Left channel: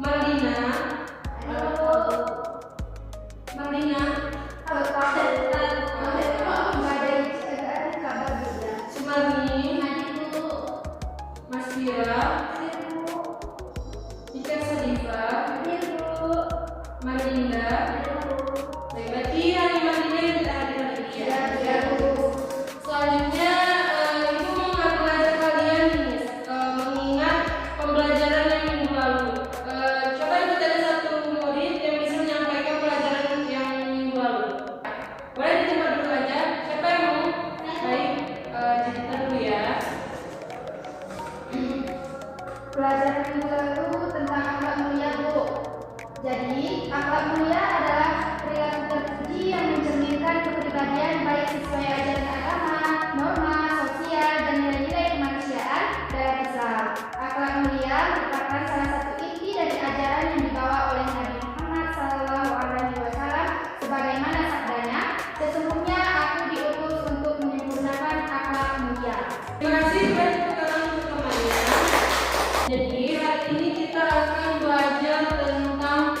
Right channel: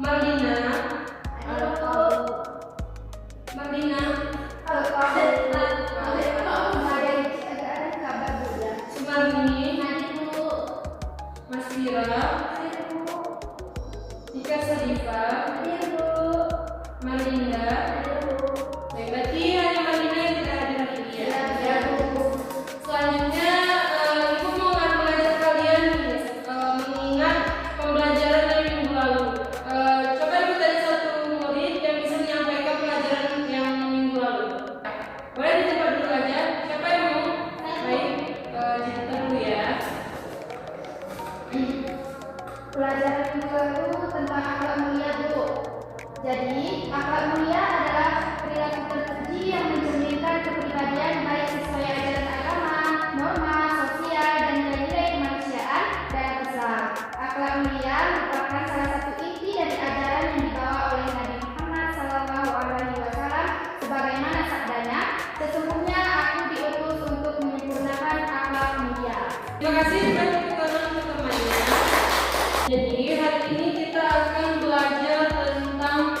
Mardina, Mardina, Sumarni, Masira, Ika Sadifa, Marinda. Berarti hari Marinda yang kita hadir hari ini ya. Selanjutnya Ibu mau ngajar kalian mengingat pembelajaran yang minggu lalu. Coba Ibu tanya satu murid yang bisa menyampaikan pelajaran yang minggu lalu. Boleh di tempat dulu aja. Siapa yang mau? Baik, cerita dulu ya. Pelajaran minggu lalu tentang akhlak mulia, Bu. Jadi, akhlak mulia adalah perilaku terpuji yang mencerminkan kepribadian baik sesuai ajaran agama, norma, sosial, dan nilai-nilai kemanusiaan dalam Islam. Akhlak mulia merupakan salah satu inti dari ajaran yang dibawa oleh Nabi Muhammad SAW sebagaimana sabdanya, sesungguhnya aku diutus untuk menyempurnakan akhlak mulia. Terima kasih sudah tepuk untuk temannya. Jadi hari ini kita akan belajar tentang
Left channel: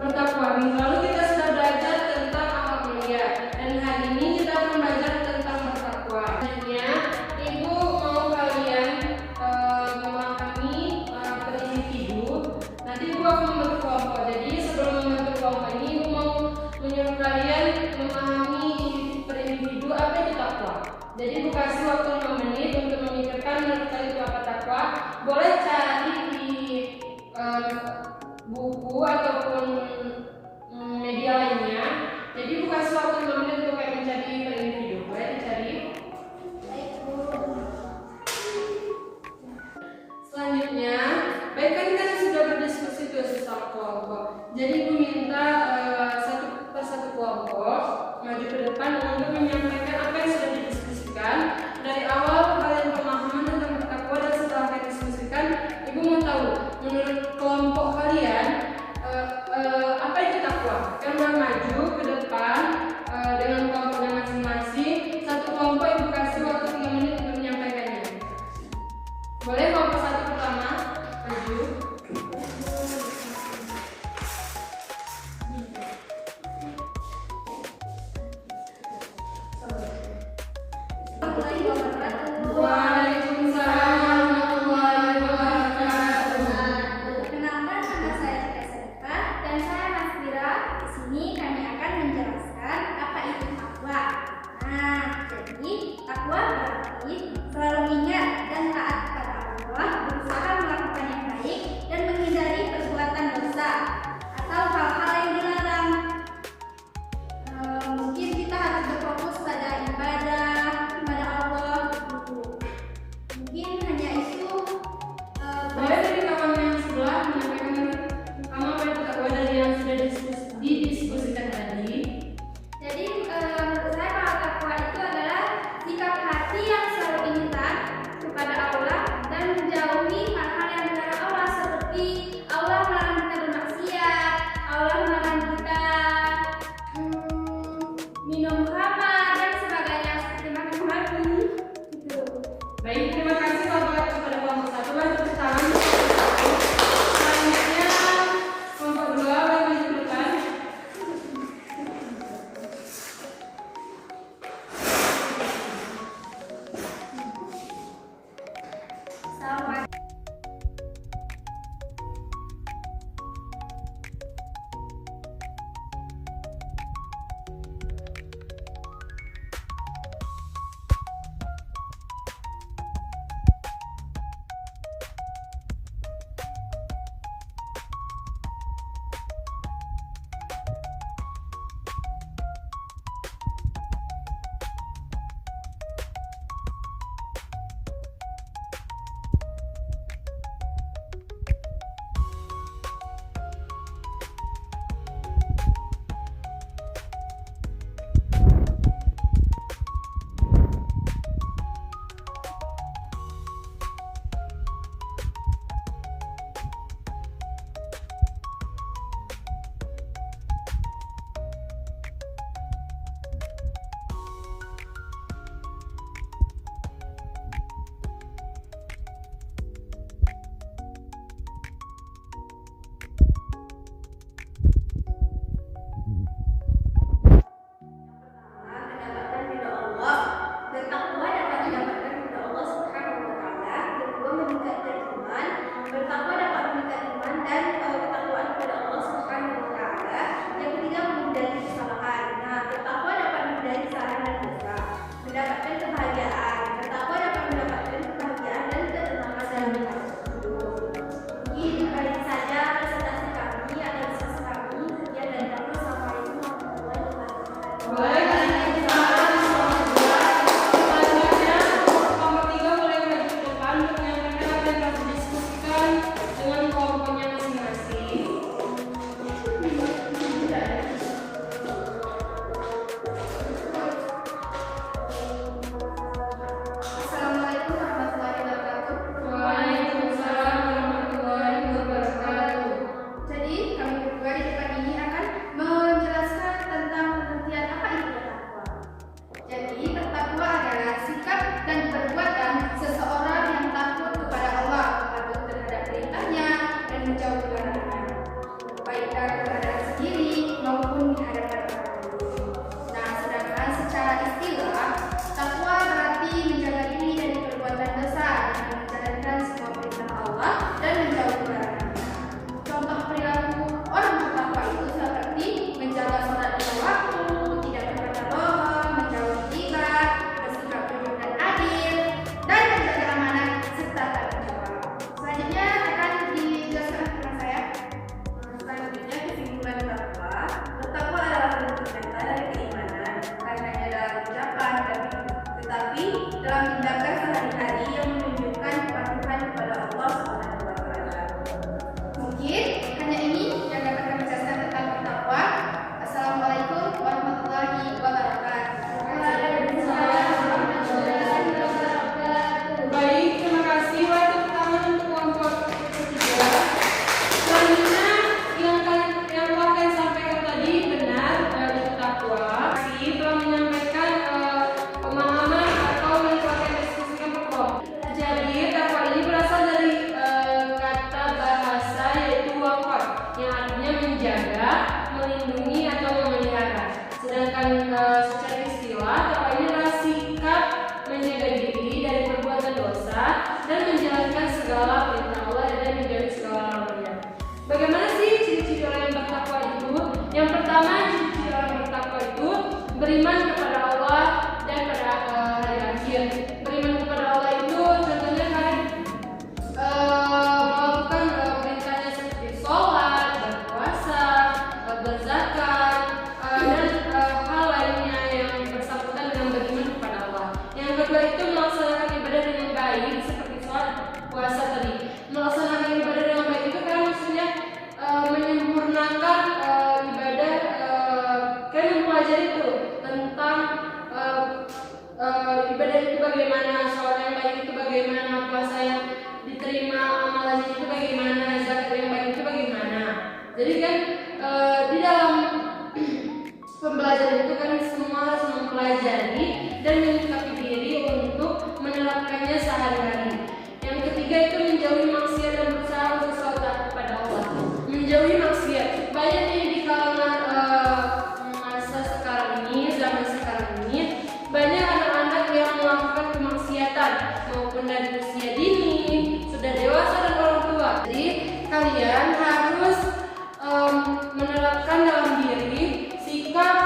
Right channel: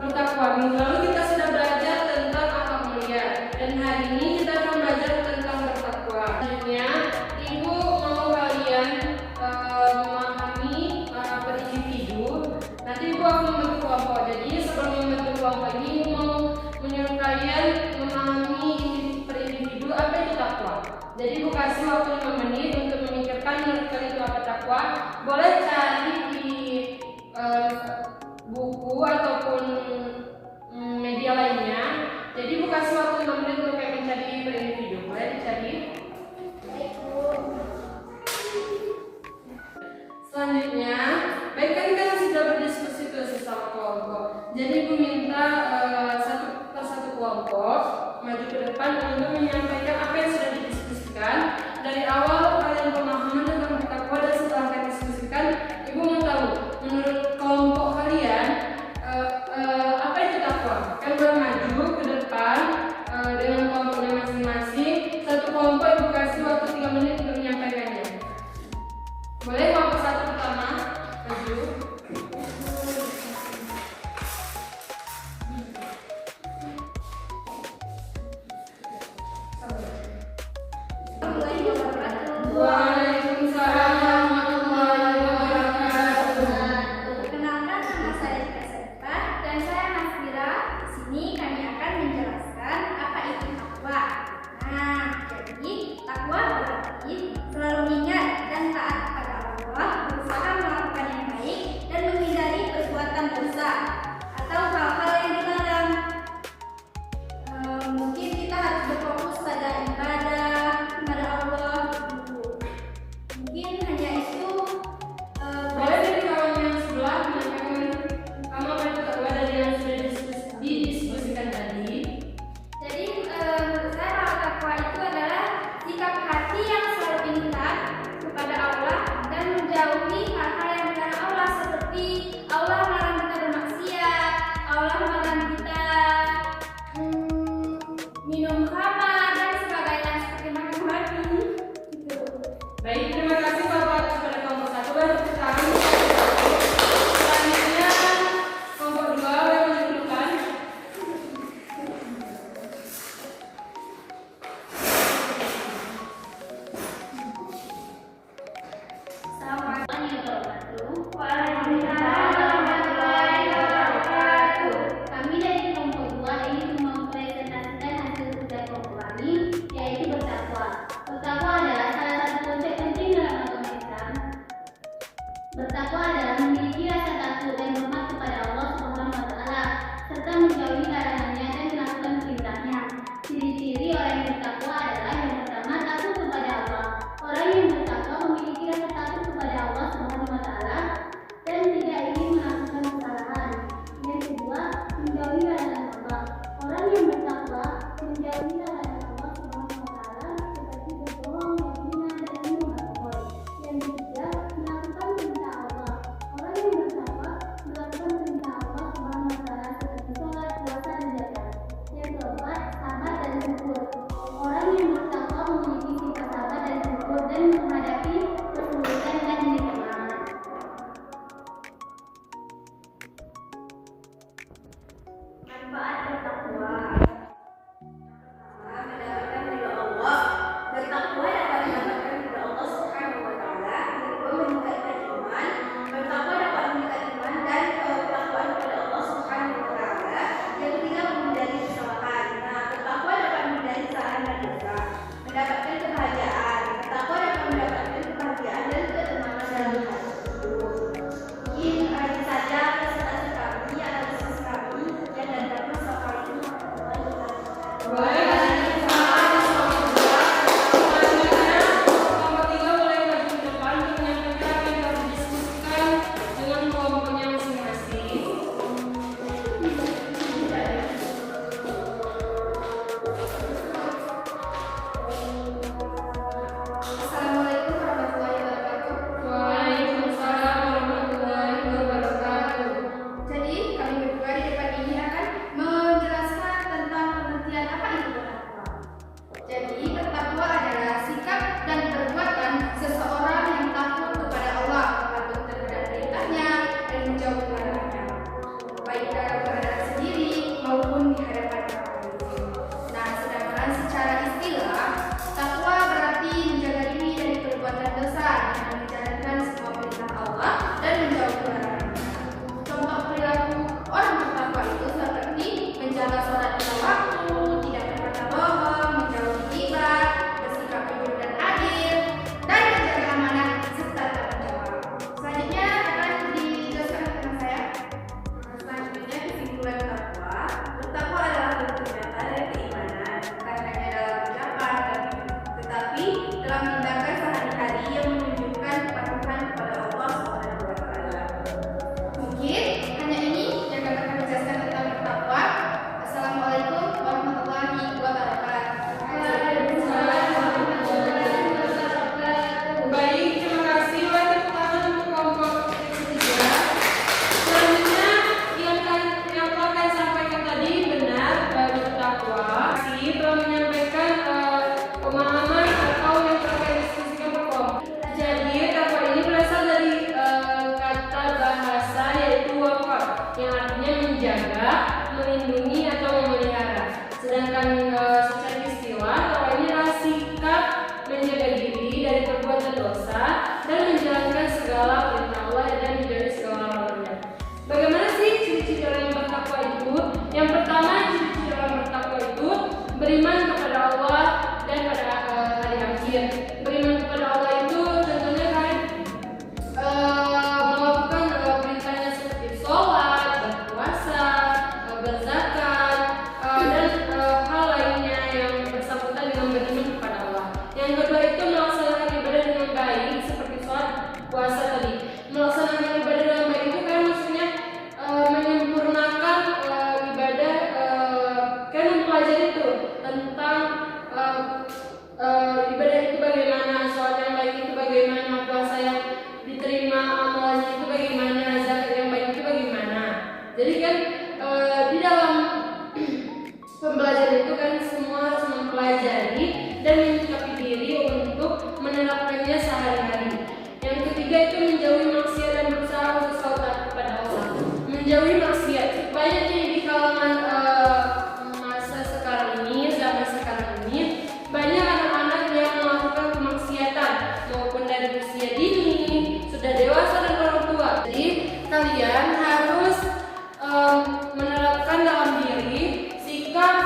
bertakwa. Minggu lalu kita sudah belajar tentang akhlak mulia dan hari ini kita akan belajar tentang bertakwa. Selanjutnya Ibu mau kalian memahami per individu. Nanti Ibu akan membentuk kelompok. Jadi sebelum membentuk kelompok ini Ibu mau menyuruh kalian memahami per individu apa itu takwa. Jadi Ibu kasih waktu 5 menit untuk memikirkan menurut kalian itu apa takwa. Boleh cari di buku ataupun media lainnya. Jadi Ibu kasih waktu 5 menit untuk mencari per individu. Boleh dicari. Selanjutnya, baik kan kita sudah berdiskusi tuh sesama kelompok. Jadi Ibu minta satu persatu kelompok maju ke depan untuk menyampaikan apa yang sudah didiskusikan dari awal kalian pemahaman tentang bertakwa, dan setelah kalian diskusikan, Ibu mau tahu menurut kelompok kalian apa itu takwa. Kan maju ke depan dengan kelompoknya masing-masing. Satu kelompok Ibu kasih waktu 3 menit untuk menyampaikannya. Boleh kelompok satu pertama maju. Waalaikumsalam warahmatullahi wabarakatuh. yang artinya menjaga, melindungi atau memelihara. Sedangkan secara istilah takwa ini adalah sikap menjaga diri dari perbuatan dosa dan menjalankan segala perintah Allah dan menjauhi segala larangannya. Bagaimana sih ciri-ciri orang yang bertakwa itu? Yang pertama, ciri-ciri orang bertakwa itu beriman kepada Allah dan pada hari akhir. Beriman kepada Allah itu contohnya kalian melakukan perintahnya seperti sholat, berpuasa, berzakat, dan hal lainnya yang bersangkutan dengan beriman kepada Allah. Yang kedua itu melaksanakan ibadah dengan baik seperti sholat, puasa tadi. Melaksanakan ibadah dengan baik itu kan maksudnya menyempurnakan ibadah, kan mempelajari itu tentang ibadah itu bagaimana, sholat yang baik itu bagaimana, puasa yang diterima amalannya itu bagaimana, zakat yang baik itu bagaimana. Jadi kan di dalam pembelajaran itu kan semua harus mempelajari dan menyikapi diri untuk menerapkannya sehari-hari. Yang ketiga itu menjauhi maksiat dan berusaha untuk selalu taat kepada Allah. Menjauhi maksiat, banyak yang di kalangan masa sekarang ini, zaman sekarang ini, banyak anak-anak yang melakukan kemaksiatan maupun dari usia dini, sudah dewasa dan orang tua. Jadi kalian harus menerapkan dalam diri sikap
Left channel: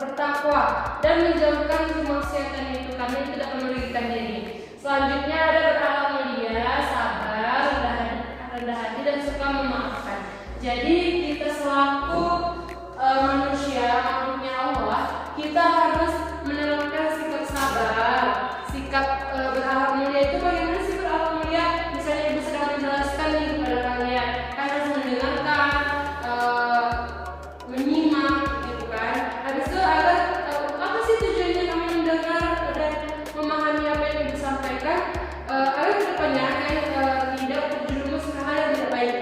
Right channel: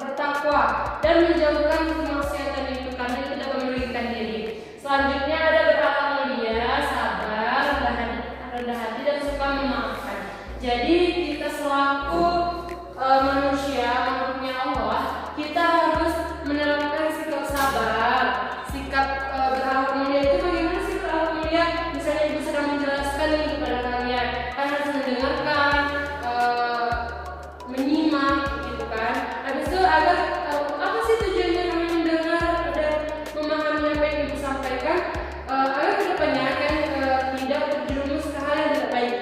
bertakwa dan menjauhkan kemaksiatan itu karena itu dapat merugikan diri. Selanjutnya ada berakhlak mulia, sabar, rendah hati dan suka memaafkan. Jadi kita selaku manusia makhluknya Allah, kita harus menerapkan sikap sabar, sikap berakhlak mulia. Itu bagaimana sih berakhlak mulia? Misalnya ibu sedang menjelaskan ini kepada kalian, kalian harus mendengarkan, menyimak, gitu kan. Habis itu agar apa sih tujuannya kami mendengar dan memahami apa yang ibu sampaikan, agar kedepannya kalian tidak terjerumus ke hal yang tidak baik.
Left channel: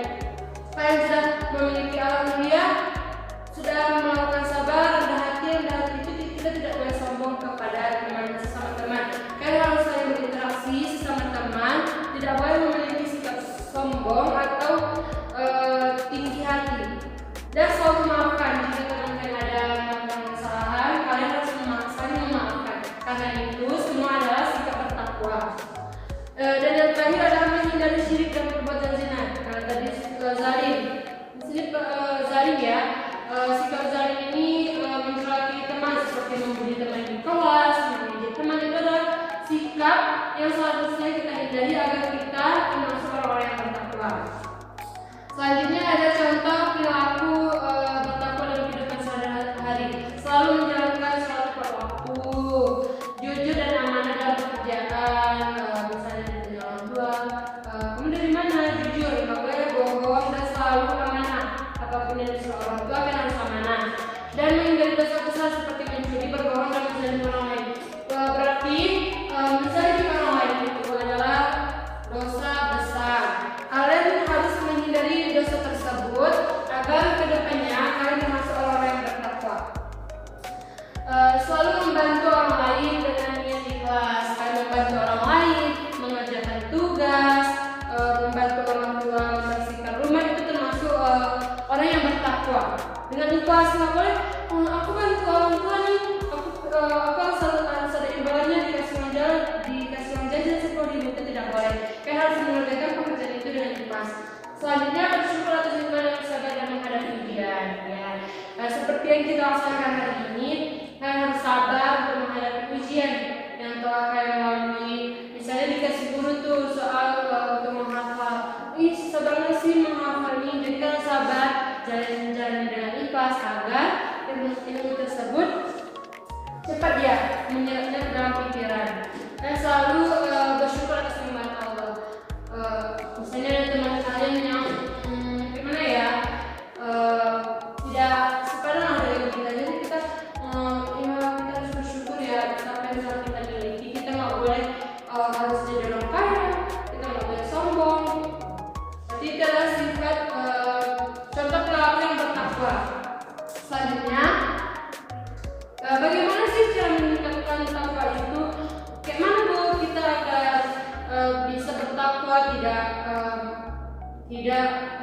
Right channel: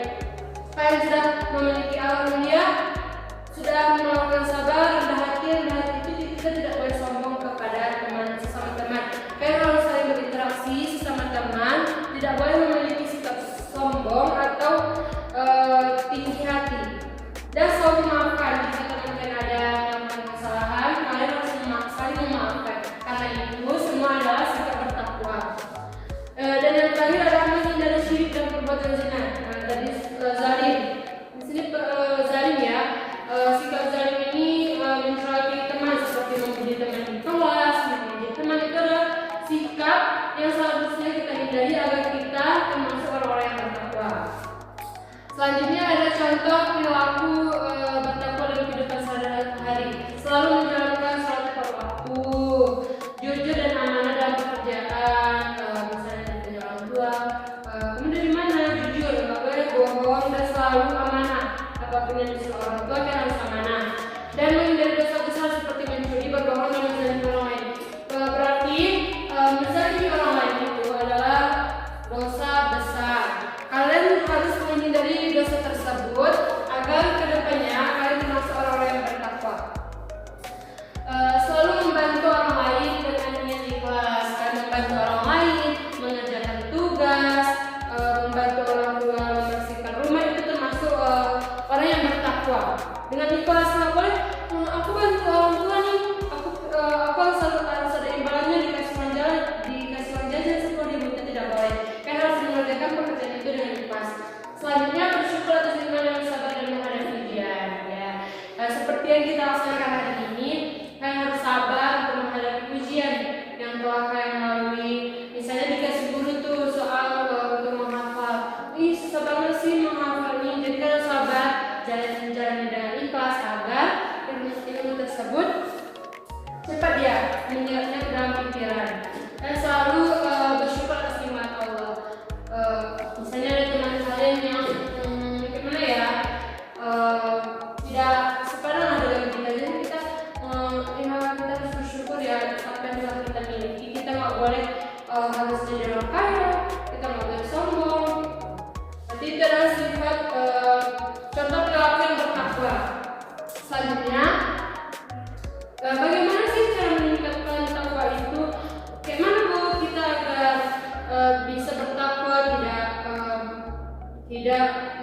Kalian sudah memiliki akhlak mulia, sudah melakukan sabar, rendah hati itu kita tidak boleh sombong kepada teman sesama teman. Kalian harus saling berinteraksi sesama teman, tidak boleh memiliki sikap sombong atau tinggi hati. Dan selalu memaafkan jika kalian ada kesalahan, kalian harus saling memaafkan. Karena itu semua adalah sikap bertakwa. Dan yang terakhir adalah menghindari syirik dan perbuatan zina. Karena tadi zalim. Di sini zalim ya. Sikap zalim ini mencelakai teman seperti membuli teman di kelas, menjadi teman itu adalah sikap yang seharusnya kita hindari agar kita termasuk orang-orang yang bertakwa. Selanjutnya ada contoh perilaku bertakwa dalam kehidupan sehari-hari. Selalu menjalankan sholat tepat waktu, jujur dan amanah dalam pekerjaan, misalnya dari orang tua. Kamu dari mana? Jujur, nggak boleh bohong dan selalu amanah. Apapun yang disuruh orang tua kan harus amanah. Dan menghindari dosa besar seperti mencuri, berbohong dan menzalim orang lain. Berarti menzalim orang lain itu adalah dosa besar. Kalian harus menghindari dosa tersebut agar kedepannya kalian termasuk orang-orang yang bertakwa. Selalu membantu orang lain dengan niat ikhlas. Kalian membantu orang lain mengerjakan tugas, membantu orang tua membersihkan rumah, itu termasuk orang yang bertakwa. Dengan ikhlas, nggak boleh aku bantu orang tua nih, aku harus ada imbalannya, dikasih uang jajan 10.000, itu tidak boleh. Kalian harus mengerjakan pekerjaan itu dengan ikhlas. Selanjutnya bersyukur atas nikmat dan sabar dan menghadapi ujian. Ya, seperti yang kita laksanakan hari ini, kalian harus sabar untuk menghadapi ujian yang telah kalian lalui. Misalnya dikasih guru tuh soal untuk menghafal, susah banget sih menghafal ini. Jadi kalian sabar, jalan dengan ikhlas agar ilmu tersebut cepat dia menyeretnya ke dalam pikiran. Dan selalu bersyukur atas nikmat Allah. Misalnya ada teman kalian yang gimana ya, tidak sepadan lah dengan kita, jadi kita harus bersyukur ya apa yang telah kita miliki. Kita nggak boleh harus jadi orang kaya, kita nggak boleh sombong. Jadi itu adalah sifat contoh perilaku yang bertakwa. Selanjutnya, bagaimana sih cara meningkatkan takwa itu? Kayak mana Bu kita agar bisa bertakwa, tidak tidak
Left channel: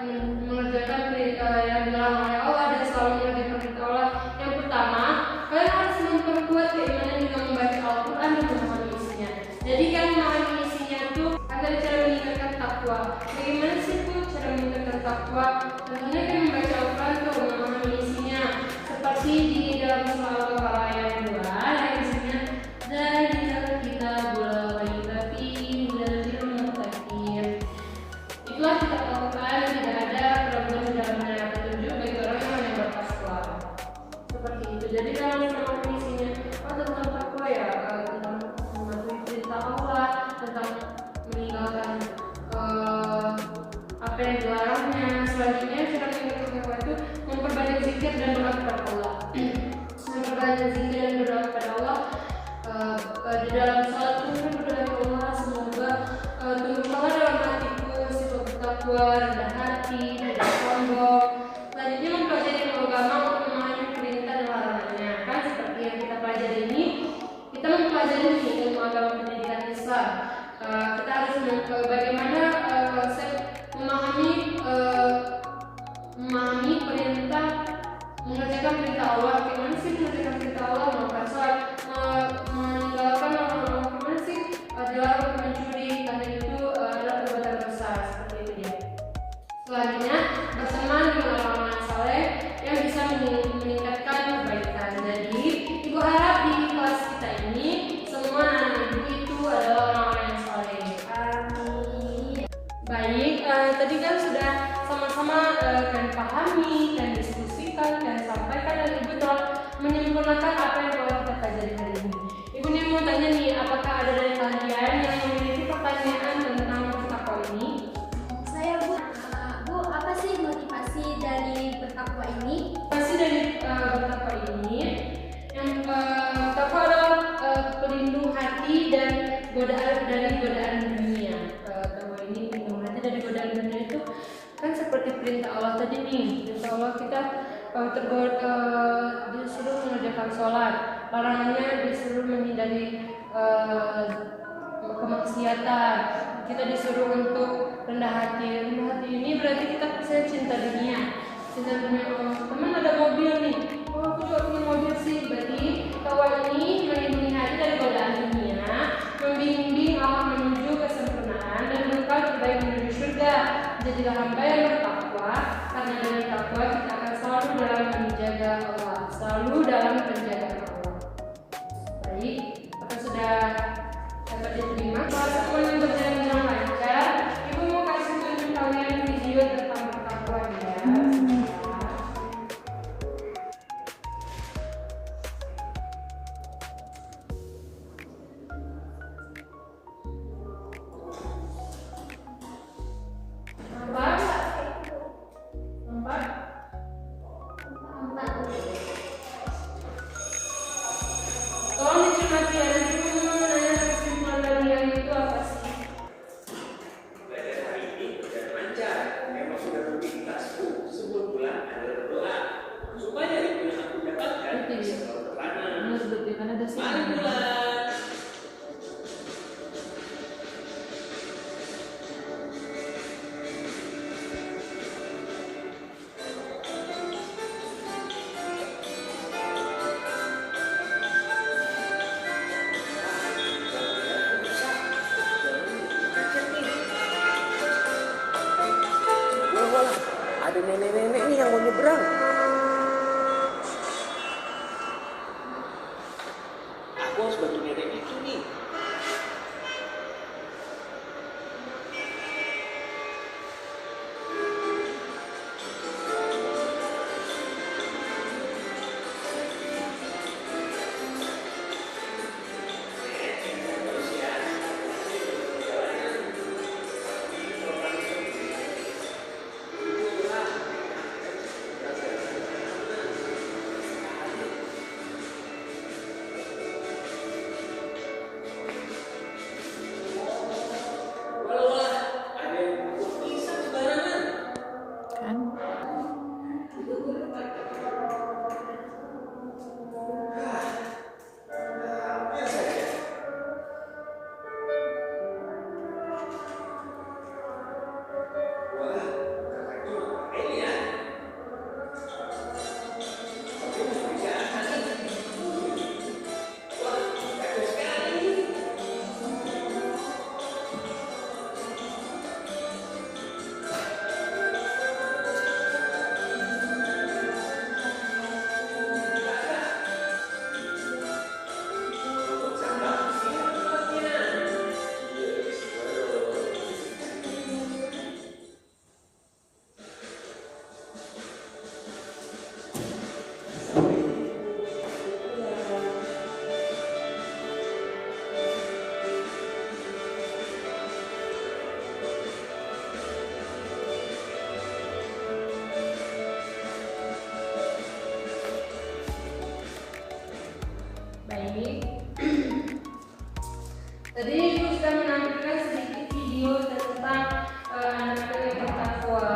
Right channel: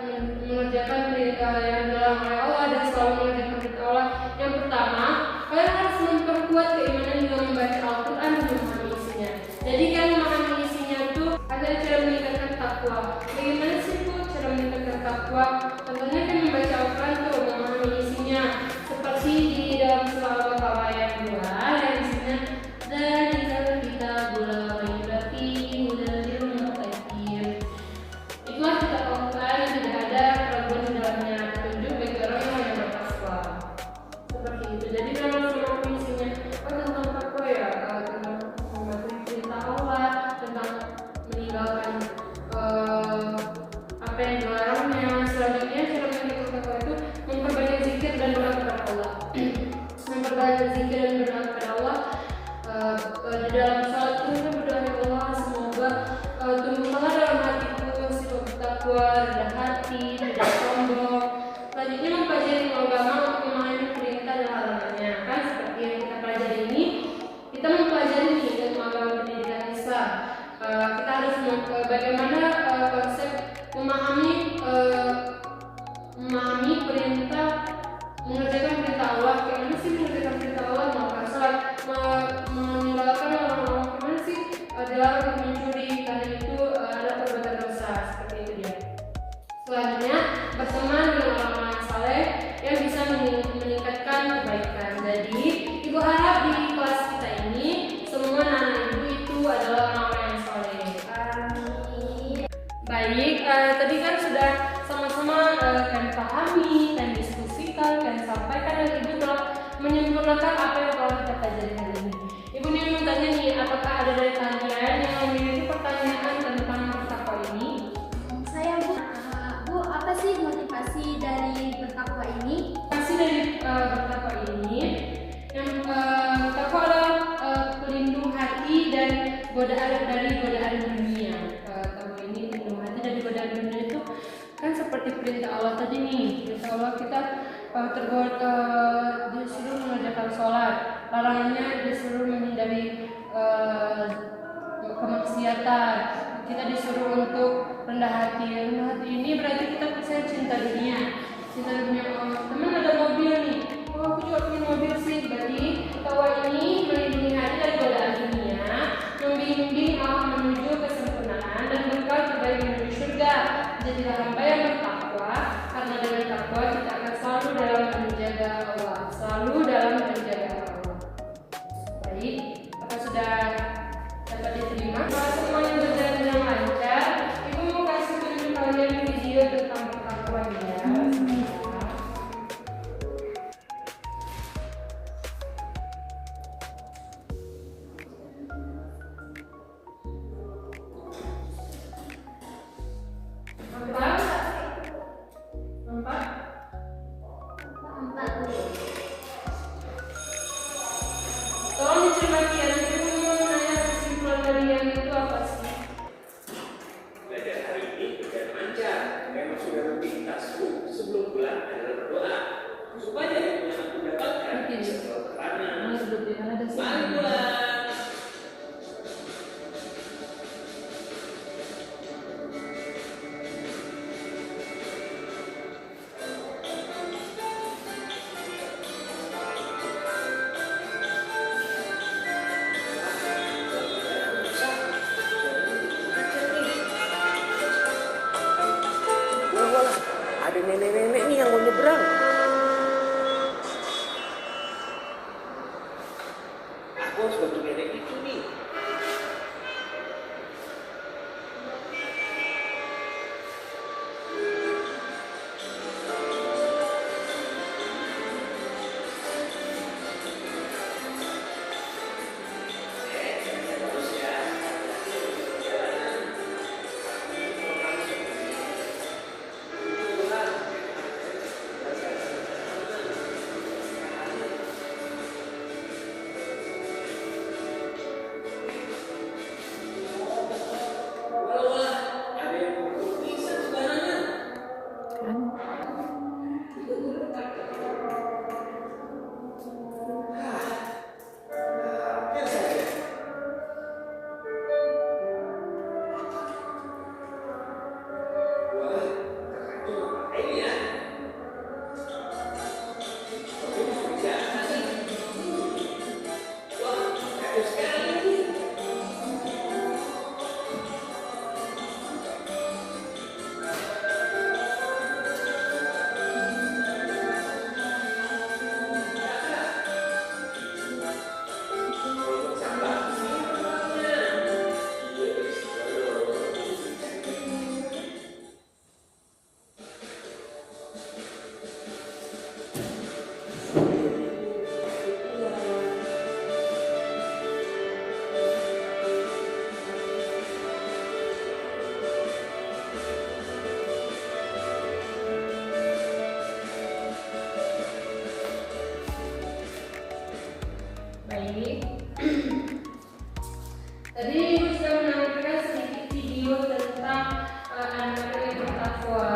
mengerjakan perintah yang dilarang oleh Allah dan selalu mengerjakan perintah Allah. Yang pertama, kalian harus memperkuat keimanan dengan membaca Al-Quran dan memahami isinya. Jadi kan memahami isinya itu ada cara meningkatkan takwa. Bagaimana sih Bu cara meningkatkan takwa? Contohnya kan membaca Al-Quran tuh, memahami isinya. Seperti di dalam surah Al-Baqarah ayat 2 yang isinya "Dzalikal kitabul la raiba fihi hudal lil muttaqin." Itulah kitab Al-Quran yang tidak ada keraguan di dalamnya, petunjuk bagi orang yang bertakwa. Seperti itu. Jadi dalam memahami isinya tentang takwa ya, tentang mematuhi perintah Allah, tentang meninggalkan apa yang dilarangnya. Selanjutnya cara meningkatkan takwa itu memperbanyak zikir dan doa kepada Allah. Memperbanyak zikir dan berdoa kepada Allah. Di dalam salat pun berdoa, ya Allah, semoga tumbuhlah dalam hatiku sifat bertakwa, rendah hati, tidak sombong. Selanjutnya mempelajari ilmu agama untuk memahami perintah dan larangannya. Kan seperti yang kita pelajari ini, kita mempelajari ilmu agama pendidikan Islam. Kita harus bagaimana konsep memahami perintah, mengerjakan perintah Allah. Gimana sih mengerjakan perintah Allah? Melakukan salat, meninggalkan larangan. Gimana sih dilarang untuk mencuri, karena itu adalah perbuatan dosa. Seperti itu dia. Selanjutnya berteman dengan orang-orang saleh yang bisa meningkatkan kebaikan. Jadi ibu harap di kelas kita ini semua anak-anak ibu itu adalah orang-orang yang saleh. Amin. Baik, tadi kan sudah sama-sama kalian pahami, kalian diskusikan, kalian sampaikan, dan ibu telah menyempurnakan apa yang telah kita pelajari hari ini. Ibu mau tanya nih, apakah ada dari kalian yang memiliki pertanyaan tentang takwa ini? Saya Bu, apa sih motivasi dari bertakwa ini? Motivasi dari bertakwa ini, yang takwa adalah pelindung hati dan dari godaan dunia. Takwa ini pelindung hati dari godaan dunia itu kan seperti perintah Allah tadi nih. Perintah Allah kita disuruh mengerjakan sholat, larangannya disuruh menghindari kemaksiatan. Kita disuruh untuk rendah hati. Rendah hati ini berarti kita saya cinta dunia. Cinta dunia. Teman ada mobil nih. Oh, aku juga punya mobil sih. Berarti takwa ini melindungi hati dari godaan dunia, membimbing Allah menuju kesempurnaan dan bekal terbaik menuju surga. Jadilah hamba yang bertakwa, karena dengan takwa kita akan selalu dalam menjaga Allah, selalu dalam menjaga Allah. Baik, apa sudah dapat diterima? Semua yang berjalan dengan lancar. Ibu mau kasih tunjuk kalian video tentang bertakwa ya. Tolong dicermati ya, nanti ibu mau nanya kesimpulan dari yang itu apa sih? Belajar hari ini berjalan lancar. Memang sudah rutinitasku sebelum pulang adalah berdoa supaya ilmu yang aku dapatkan bisa tertanam. Mari pulang. Ada nenek-nenek nih yang mau nyebrang. Aku harus bantu nenek itu nih.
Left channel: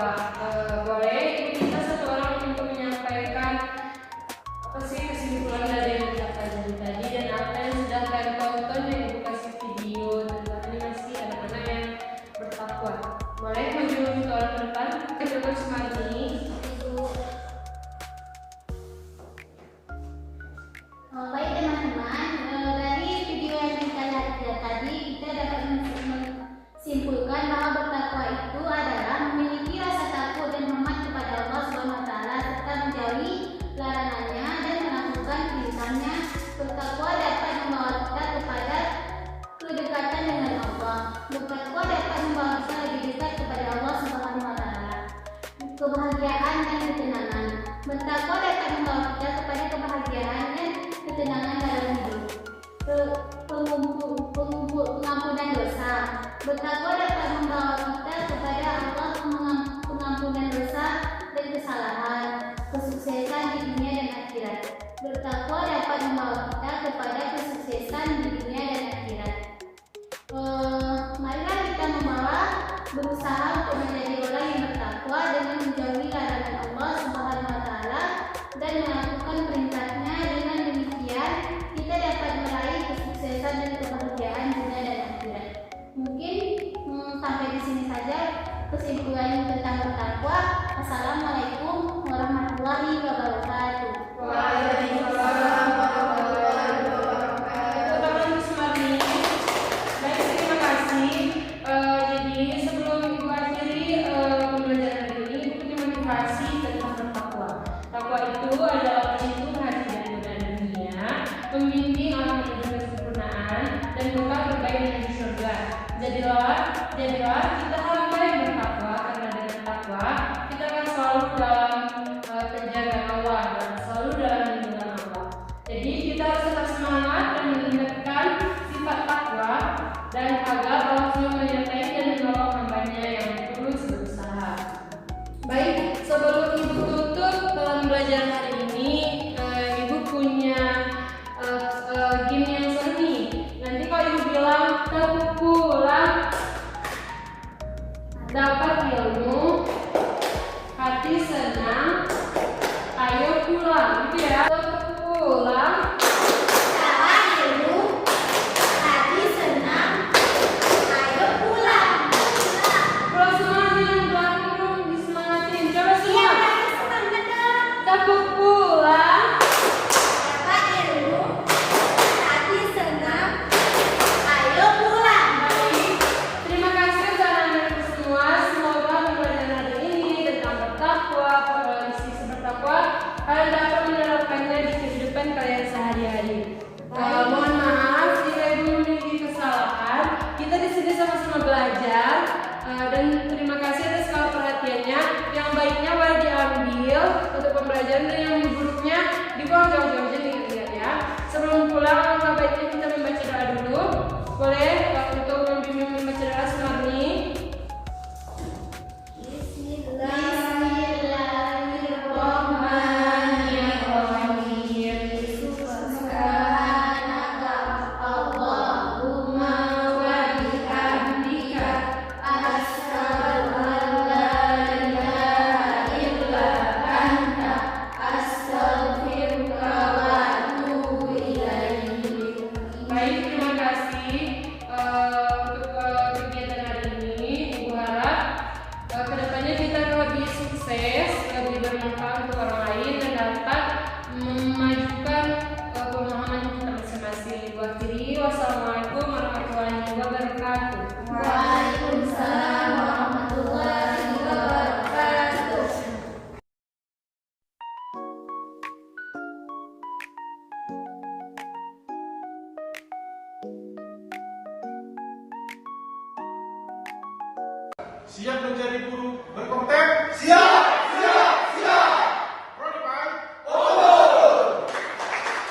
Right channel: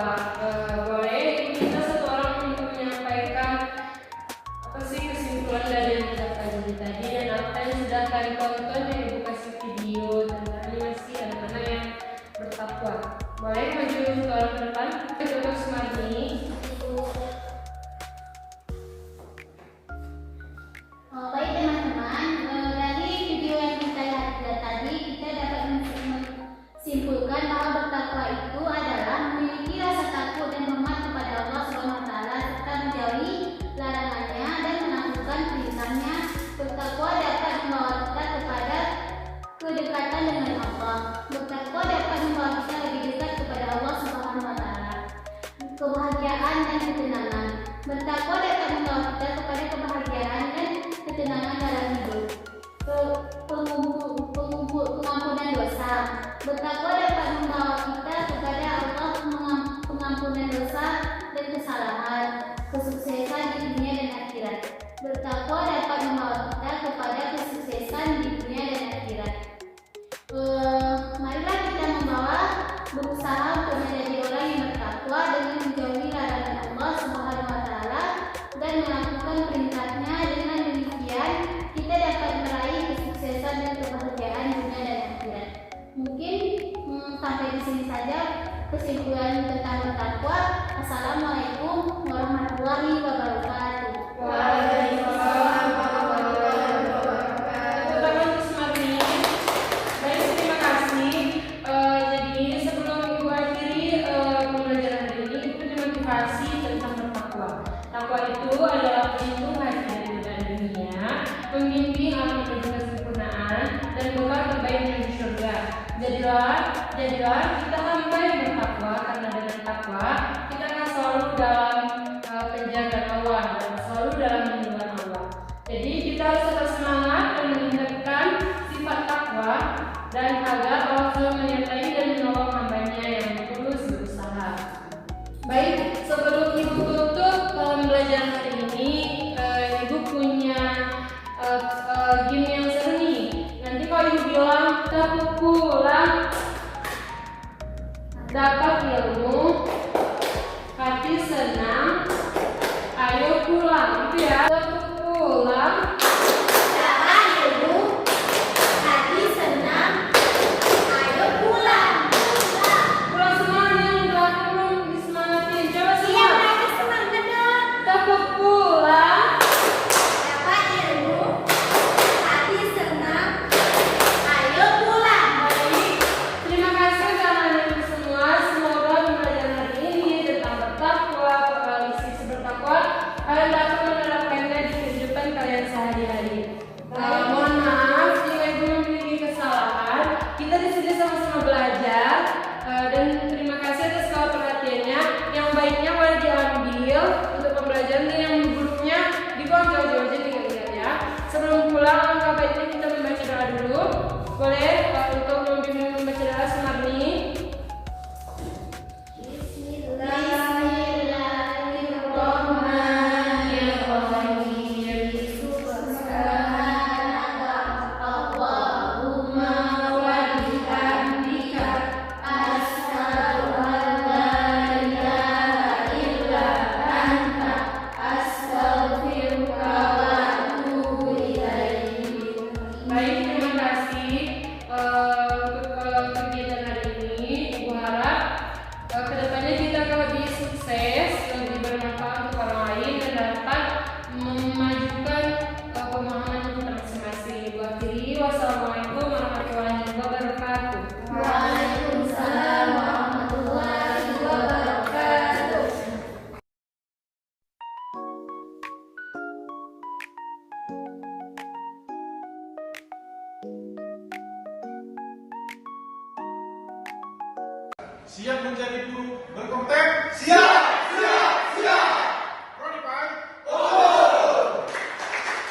Boleh kita satu orang untuk menyampaikan apa sih kesimpulan dari yang kita pelajari tadi dan apa yang sudah kalian tonton di edukasi video tentang animasi anak-anak yang bertakwa. Boleh maju ke orang depan, Dr. Sumarni. Baik teman-teman, dari video yang kita lihat tadi kita dapat menyimpulkan bahwa bertakwa itu adalah memiliki rasa takut dan hormat kepada Allah Subhanahu wa taala serta menjauhi larangannya dan melakukan perintahnya. Bertakwa dapat membawa kita kepada kedekatan dengan Allah. Bertakwa dapat membawa kita lebih dekat kepada Allah Subhanahu wa taala. Kebahagiaan dan ketenangan. Bertakwa dapat membawa kita kepada kebahagiaan dan ketenangan dalam hidup. Pengampunan dosa. Bertakwa dapat membawa kita kepada Allah, pengampunan dosa dan kesalahan, kesuksesan di dunia dan akhirat. Bertakwa dapat membawa kita kepada kesuksesan di dunia dan akhirat. Marilah kita berusaha untuk menjadi orang yang bertakwa dengan menjauhi larangan Allah Subhanahu wa taala dan melakukan perintahnya. Dengan demikian kita dapat meraih kesuksesan dan kebahagiaan dunia dan akhirat. Mungkin sampai di sini saja kesimpulan tentang bertakwa. Assalamualaikum warahmatullahi wabarakatuh. Waalaikumsalam warahmatullahi wabarakatuh. Dr. Sumarni, baik, terima kasih. Jadi sebelum Ibu akhiri pembelajaran hari ini, Ibu punya motivasi tentang bertakwa. Takwa itu adalah pelindung hati dari godaan dunia, membimbing orang menuju kesempurnaan, dan bekal terbaik menuju surga. Jadilah kita hamba yang bertakwa, karena dengan takwa kita akan selalu dalam penjagaan Allah dan selalu dalam lindungan Allah. Jadi kita harus tetap semangat dan meningkatkan sifat takwa dan agar Allah selalu menyertai dan menolong hambanya yang tulus berusaha. Baik, sebelum Ibu tutup pembelajaran hari ini, Ibu punya game yang seru nih. Nanti kalau Ibu bilang kepukulan dapat ilmu, hati senang, ayo pulang. Itu ya, kepukulan Dapat ilmu, hati senang, ayo pulang. pulang semua nih, udah belum disemangatin. Coba semua. Semangat dong. Kepukulan Dapat ilmu, hati senang, ayo pulang. baik. Terima kasih untuk anak-anak semua. Semoga pembelajaran hari ini tentang bertakwa, sisi bertakwa, kalian dapat menerapkannya di kehidupan kalian sehari-hari. Mohon maaf jika Ibu memiliki kesalahan. Kita di sini sama-sama belajar dan terima kasih atas segala perhatiannya. Yang baiknya boleh diambil untuk pembelajaran dan yang buruknya dibuang jauh-jauh aja ingat ya. Sebelum pulang, langkah baiknya kita membaca doa dulu. Boleh untuk membimbing membaca doa Sumarni. Bismillahirrahmanirrahim. Subhanaka Allahumma wa bihamdika asyhadu an la ilaha illa anta astaghfiruka wa atubu ilaik. Baik, terima kasih untuk kegiatan hari ini. Ibu harap kedepannya kita akan lebih sukses, lebih bermanfaat untuk orang lain dan dapat memajukan pemahaman kita masing-masing. Ibu akhiri, wassalamualaikum warahmatullahi wabarakatuh. Waalaikumsalam warahmatullahi wabarakatuh. Siap menjadi guru berkompeten? Siap!